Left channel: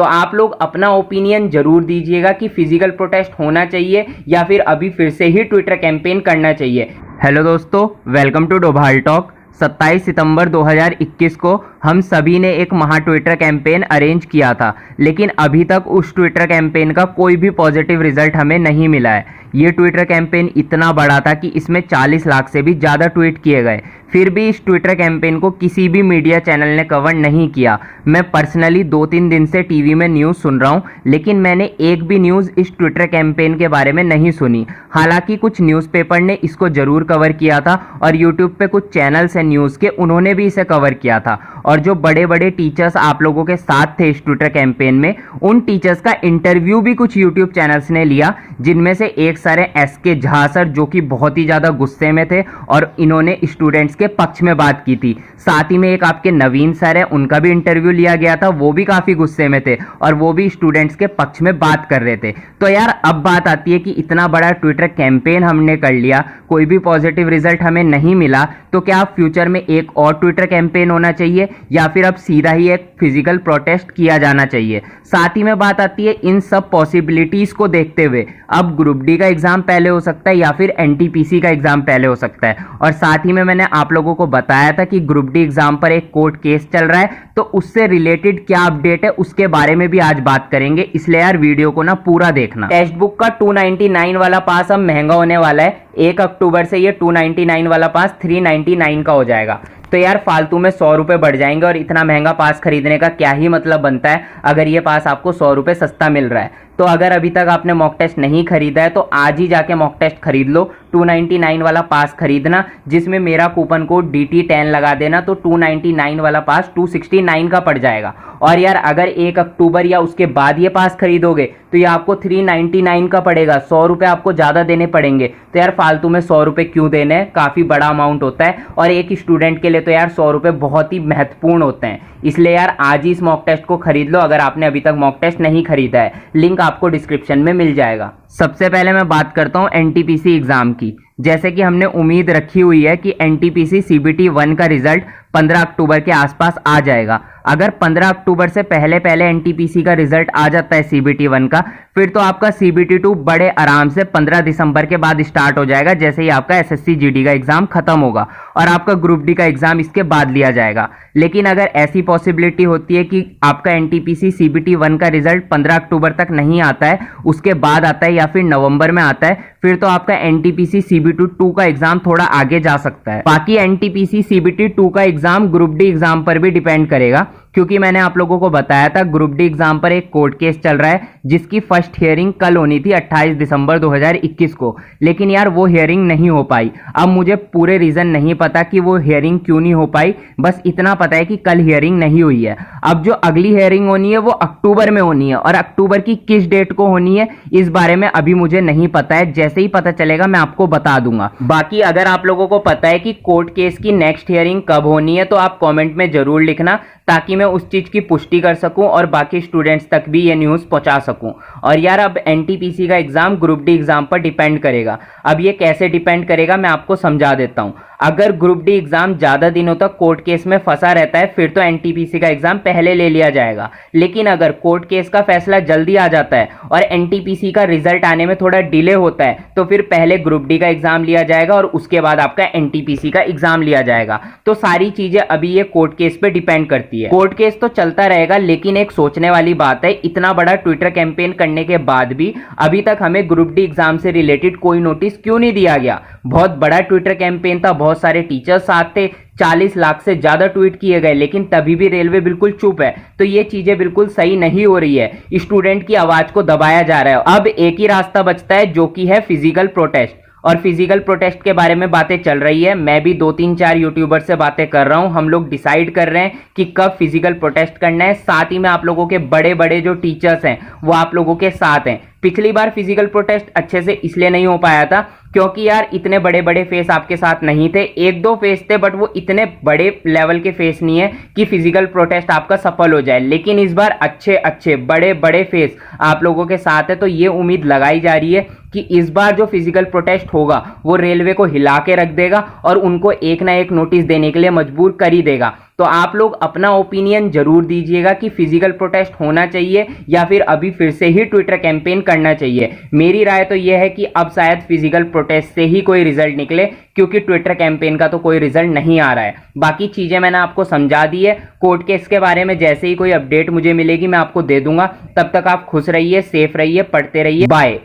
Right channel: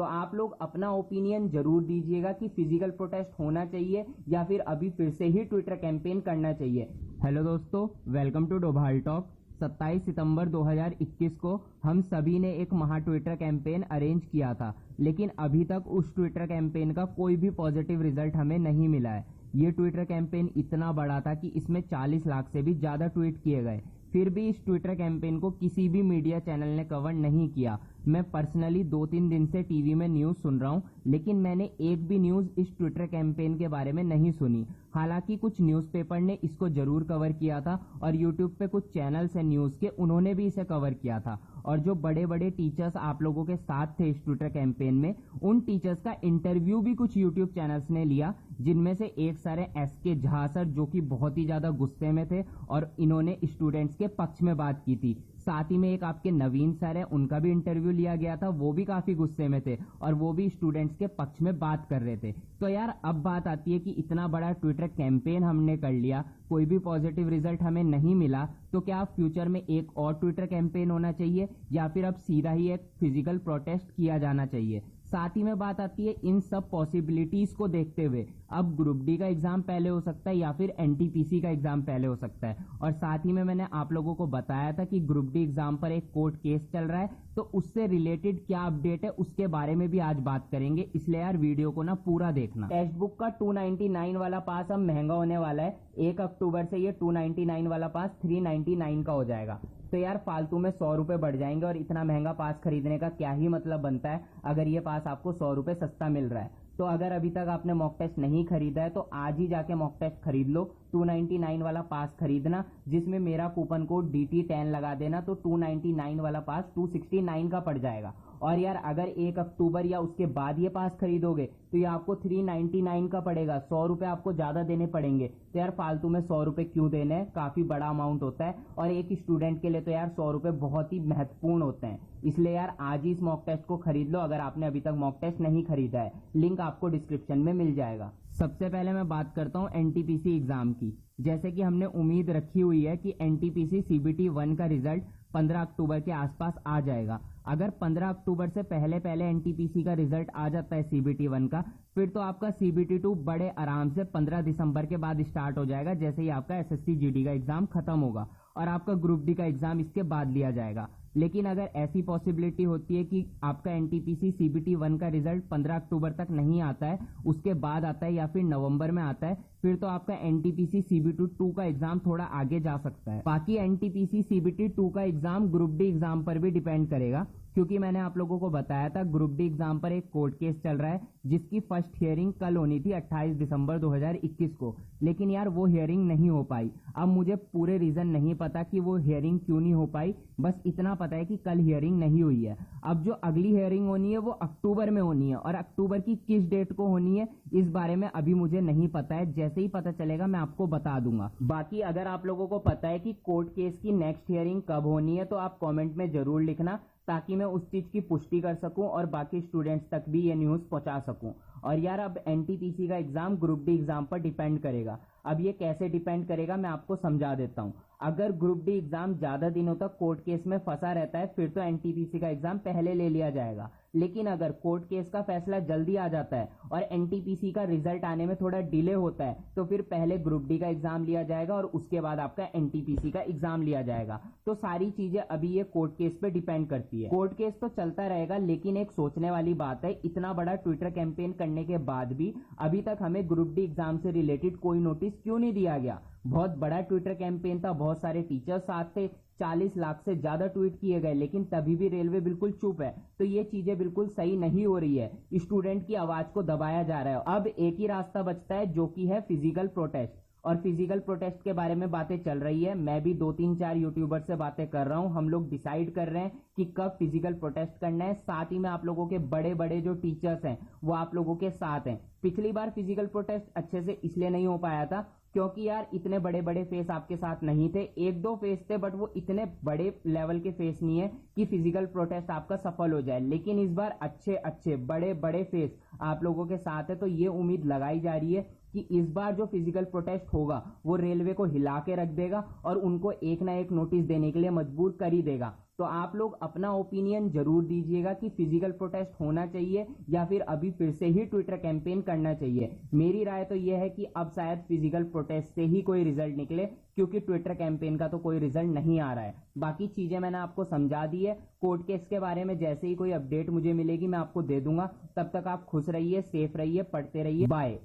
तो आप लोग अपना ओपिनियन जरूर दीजिएगा कि फिजिकल प्रोटेस्ट होना चाहिए या फिर अभी फिर से ही ट्विटर कैंपेन करना चाहिए। हेलो दोस्तों, वेलकम टू डोभाल टॉक। 27 सितंबर 2021 को हम सभी ने एक महा ट्विटर कैंपेन अरेंज किया था, लेकिन अभी तक उस ट्विटर कैंपेन का कोई भी पॉजिटिव रिजल्ट हमें नहीं मिला है। ये ट्विटर कैंपेन इतना बड़ा था कि इसमें 40 लाख से भी ज़्यादा ट्वीट किए गए, फिर भी इस ट्विटर कैंपेन को किसी भी मीडिया चैनल ने कवर नहीं किया। मैं पर्सनली 2-3 दिन से टीवी में न्यूज़ सुन रहा हूँ, लेकिन मैंने एक भी न्यूज़ इस ट्विटर कैंपेन के बारे में नहीं सुनी। हालांकि कुछ न्यूज़पेपर ने इसको ज़रूर कवर किया था और यूट्यूब पे कुछ चैनल्स हैं न्यूज़ के, उन्होंने भी इसे कवर किया था। और जो बड़े बड़े टीचर्स आप लोगों के साथ थे इस ट्विटर कैंपेन में, उन टीचर्स का इंटरव्यू भी कुछ यूट्यूब चैनल्स ने लिया, जिनमें से एक सारे एसके झा सर, जो कि बहुत ही ज़्यादा गुस्से में थे और इन्होंने स्टूडेंट्स के पक्ष में बात की थी। साथ ही में एक आपके नवीन सर है, उनका भी इंटरव्यू लिया गया था, वो भी काफ़ी गुस्से में थे और वो भी स्टूडेंट्स के पक्ष में बात कर रहे थे। तो यार अब बात आती है कि इतना बड़ा ट्विटर कैंपेन हमने कर लिया, कोई भी पॉजिटिव रिजल्ट हमें नहीं मिला, तो क्या फ्यूचर में एक और ट्विटर कैंपेन होना चाहिए या फिर अब सीधा ही एक फिजिकल प्रोटेस्ट किया जाना चाहिए। साथ ही में बात आती है इन सब पॉसिबिलिटीज़ को देखते हुए अब ग्रुप डी का एग्ज़ाम पहले हो सकता है या फिर एनटीपीसी का एग्ज़ाम पहले हो सकता है। और साथ ही में मैंने आप लोगों को बताया था कि ग्रुप डी एग्ज़ाम पर एक कोर्ट केस चल रहा है, तो उससे रिलेटेड क्या अपडेट है उसके बारे में भी आज बात करेंगे, इसलिए यार वीडियो को ना पूरा देखना। टेक्स्ट बुक का 299 वाला पास अब महंगा होने वाला है। 1 अक्टूबर से ये 299 वाला पास 399 का हो जाएगा। तो यार फालतू में 100 रुपये बढ़ जाएंगे और इतना महंगा पास खरीदने का क्या ही मतलब बनता है अगर ये पास आपको 100 रुपये सस्ता मिल रहा है। तो अगर अभी तक आपने मॉक टेस्ट नहीं खरीदा है तो आज ही जाके मॉक टेस्ट खरीद लो। 299 वाला पास खरीदना, जिसमें मेरा कूपन कोड DT10 लगा देना, तो 299 वाला पास 269 का पड़ जाएगा। और यार अगर 1 अक्टूबर या उसके बाद ये पास खरीदोगे तो ये आपको 399 का पड़ेगा। 100 रुपये आपको ज़्यादा देने पड़ेंगे। तो यार फालतू में 100 रुपये क्यों देने हैं, काफ़ी बड़ा अमाउंट होता है और एक स्टूडेंट के लिए तो यार 100 रुपये बहुत ही महत्वपूर्ण होते हैं। इसलिए यार आज ही इस मॉक टेस्ट को खरीद लो अगर आपने अभी तक मॉक टेस्ट नहीं खरीदा है। लिंक आपको डिस्क्रिप्शन में मिल जाएगा। सबसे पहले मैं बात करता हूँ एनटीपीसी एग्ज़ाम की। जैसे कि हमने उम्मीद रखी हुई है कि एनटीपीसी CBT 1 का रिजल्ट 15 अक्टूबर के आसपास आ जाएगा। अगर 15 अक्टूबर से पहले पहले एनटीपीसी का रिजल्ट आ जाता है CBT 1 का, फिर तो आपका CBT 2 बड़े आराम से 15 दिसंबर के बाद स्टार्ट हो जाएगा, जैसे ही आपका SSC GD का एग्जाम खत्म होगा और आपका ग्रुप डी का एग्जाम इसके बाद लिया जाएगा। लेकिन अगर ऐसी पॉसिबिलिटी होती है कि आपका एनटीपीसी CBT 1 का रिजल्ट 15 अक्टूबर तक नहीं आता है, उसके बाद आता है या फिर नवंबर में आता है, फिर तो आपका एनटीपीसी CBT 2 का एग्जाम थोड़ा आगे जा सकता है। बाकी एनटीपीसी CBT 2 का एग्जाम ग्रुप डी एग्जाम पर भी डिपेंड करेगा, क्योंकि मैंने आप लोगों को बताया था ग्रुप डी एग्जाम पर एक कोर्ट केस चल रहा है जिसकी फर्स्ट हियरिंग कल होनी थी 28 दिसंबर 2021 को, लेकिन यार वो हियरिंग नहीं हो पाई। अब मुझे पूरे रीजन नहीं पता कि वो हियरिंग क्यों नहीं हो पाई, बस इतना पता है कि कल हियरिंग नहीं हुई है। अब जो अगली हियरिंग होनी है वो अक्टूबर में होनी है और अक्टूबर की किस डेट को होनी है इस बारे में अभी मुझे नहीं पता है। जैसे ही पता चलेगा मैं आपको बता दूंगा। बाकी अगर आप लोगों को पता है कि कोर्ट केस की नेक्स्ट हियरिंग कब होनी है तो आप कॉमेंट में जरूर लिखना, ताकि मैं उस चीज़ की पुष्टि कर सकूं और बाकी स्टूडेंट्स तक भी ये न्यूज़ पहुंचा सकूं। और यार अब एनटीपीसी का एग्ज़ाम ग्रुप डी एग्ज़ाम पर डिपेंड करेगा। अब ये कैसे डिपेंड करेगा मैं आपको समझा देता हूं। अगर ग्रुप डी एग्ज़ाम ज़्यादा दिनों तक कोर्ट केस में फंसा रहता है फिर तो एनटीपीसी का एग्ज़ाम पहले ले लिया जाएगा, लेकिन अगर कोर्ट केस का फैसला जल्दी आ जाता है और एनटीपीसी का रिजल्ट आने में थोड़ा डिले होता है तो फिर पहले ग्रुप डी का एग्ज़ाम लिया जाएगा और उसके बाद आपका एनटीपीसी का एग्ज़ाम लिया जाएगा। तो सारी चीज़ें अभी ये कोर्ट केस पे डिपेंड करती है। कोर्ट केस तो चलता रहेगा, लेकिन एक सोचने वाली बात है, इतना बड़ा ट्विटर कैंपेन करने के बाद भी अभी तक हमें ग्रुप डी एग्ज़ाम से रिलेटेड कोई नोटिस क्यों नहीं दिया गया। बहुत बड़ा ट्विटर कैंपेन था, बहुत सारे टीचर्स साथ थे, 40 लाख से ज्यादा ट्वीट किए गए, लेकिन तभी भी रेलवे बिल्कुल चुप है। तो ये चीजें बिल्कुल सही नहीं हो रही है, स्टूडेंट की आवाज को दबाया जा रहा है। अब एक ही रास्ता बचता है जो कि है फिजिकल प्रोटेस्ट, और फिजिकल प्रोटेस्ट के बारे में बातें चल रही है। मैं भी 2-3-4 यूट्यूबर से बातें कर रहा हूं, हम लोग डिसाइड कर रहे हैं कि कब फिजिकल प्रोटेस्ट करना है। साथ ही में आप लोगों के बड़े बड़े जो टीचर्स हैं वो आप लोगों के साथ हैं। पिछली बार फिजिकल प्रोटेस्ट अच्छे से इसलिए नहीं हो पाया था क्योंकि यार इतने बड़े बड़े फेस आपके साथ नहीं थे, 1-2 फेस थे, बट वो इतने बड़े लेवल के फेस नहीं है कि फिजिकल प्रोटेस्ट आपका सफल हो जाए। लेकिन इस बार अच्छे अच्छे बड़े बड़े फेस आप लोगों के साथ है, तो ये उम्मीद लगाई जा रही है कि इस बार जो फिजिकल प्रोटेस्ट होगा वो रेलवे को हिला के रख देगा और उनको एक ना एक नोटिस देने के लिए मजबूर कर ही देगा। तो आप लोग अपना ओपिनियन जरूर दीजिएगा कि फिजिकल प्रोटेस्ट होना चाहिए या फिर अभी फिर से ही ट्विटर कैंपेन करना चाहिए। मेरी राय तो यह है कि अब शायद फिजिकल प्रोटेस्ट से ही कोई रिजल्ट निकले, क्योंकि ट्विटर कैंपेन का तो कोई रिजल्ट नहीं आ रहा है। बाकी चीजें मैंने आपको समझा दी है। कोर्ट केस के बारे में जैसे ही कोई अपडेट मुझे मिलेगी मैं आपको दे दूंगा। तब तक आप खुश रहिए, सेफ रहिए, पढ़ते रहिए। बाय।